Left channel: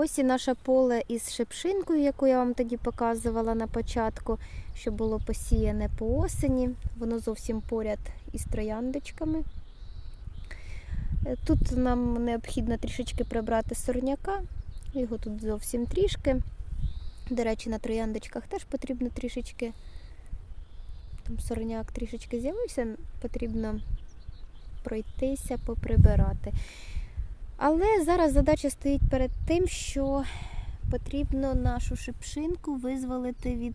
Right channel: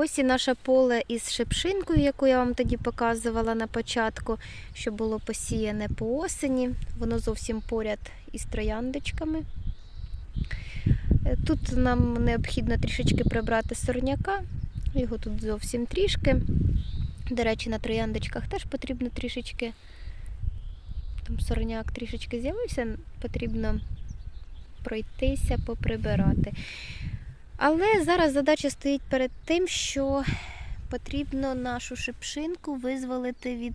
Ось і наше поле із шипшинкою, яку я вам тоді показувала на початку, що було посіяне по осені. Воно зовсім поряд із трояндочками. Е, Тут нам необхідно трішечки прибрати сорняка. Його тут зовсім трішки. До речі, на трояндочках теж потрібно трішечки. Там сорняк трішечки з'явився, потрібно пройтися, поприбирати. Але зараз задача стоїть перед тим, що потрібно нашу шипшинку визволити від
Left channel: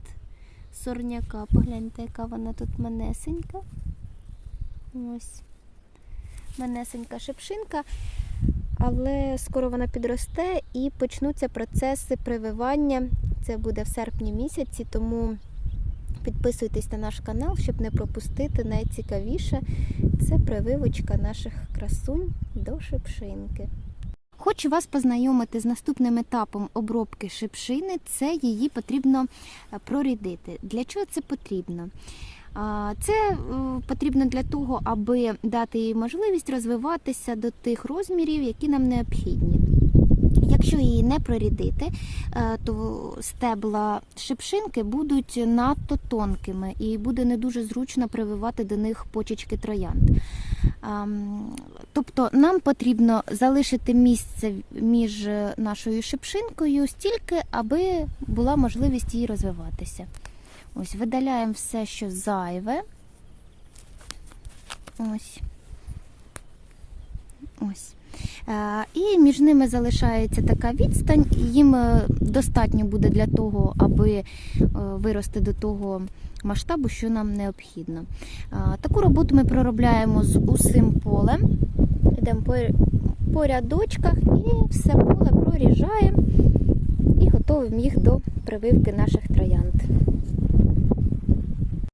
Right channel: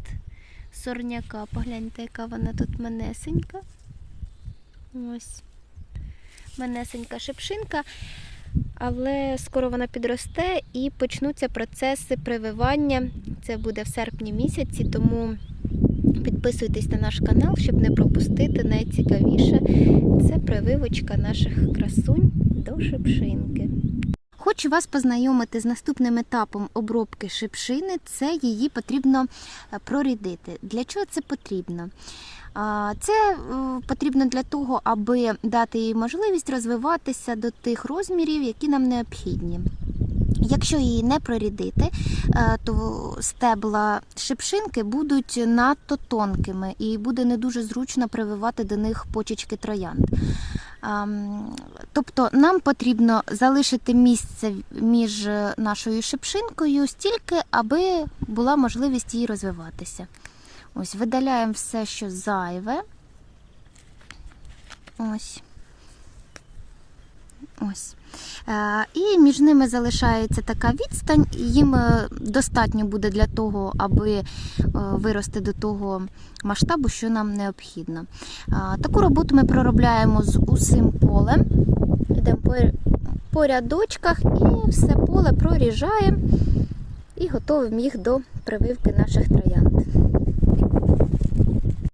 сорняка. Погляньте, яка вона тут манесенька. Ось. Манесенька шипшинка. Але скоро вона підросте і почнуться процеси прививання. Це буде в серпні місяці, тому підписуйтесь на наш канал, щоб не пропустити найцікавіше. Це прививочка наших красунь до шипшинки. Хочу вас познайомити з наступним етапом обробки шипшини. Це її потрібно е, прорідити. Для чого це потрібно? Це е, потрібно для того, аби дати їй можливість розвиватися до тих розмірів, які нам необхідні. Якщо її не прорідити, е, то стебла шипшинки будуть надто тонкими і буде не дуже зручно прививати до них почечки троянд. Тобто нам потрібно залишити місце між нашою шипшинкою стільки, аби була можливість її розвиватися. Ось, видаляємо все, що зайве. Ось. Ось. Е, І між ними залишається така відстань, їм е, достатньо буде для того, аби е, вирости до того масштабу, що нам необхідно. Таку роботу ми проробляємо з усім полем. Йдемо по рядочках і все поле проріжаємо і готуємо їх до прививки наших троянд.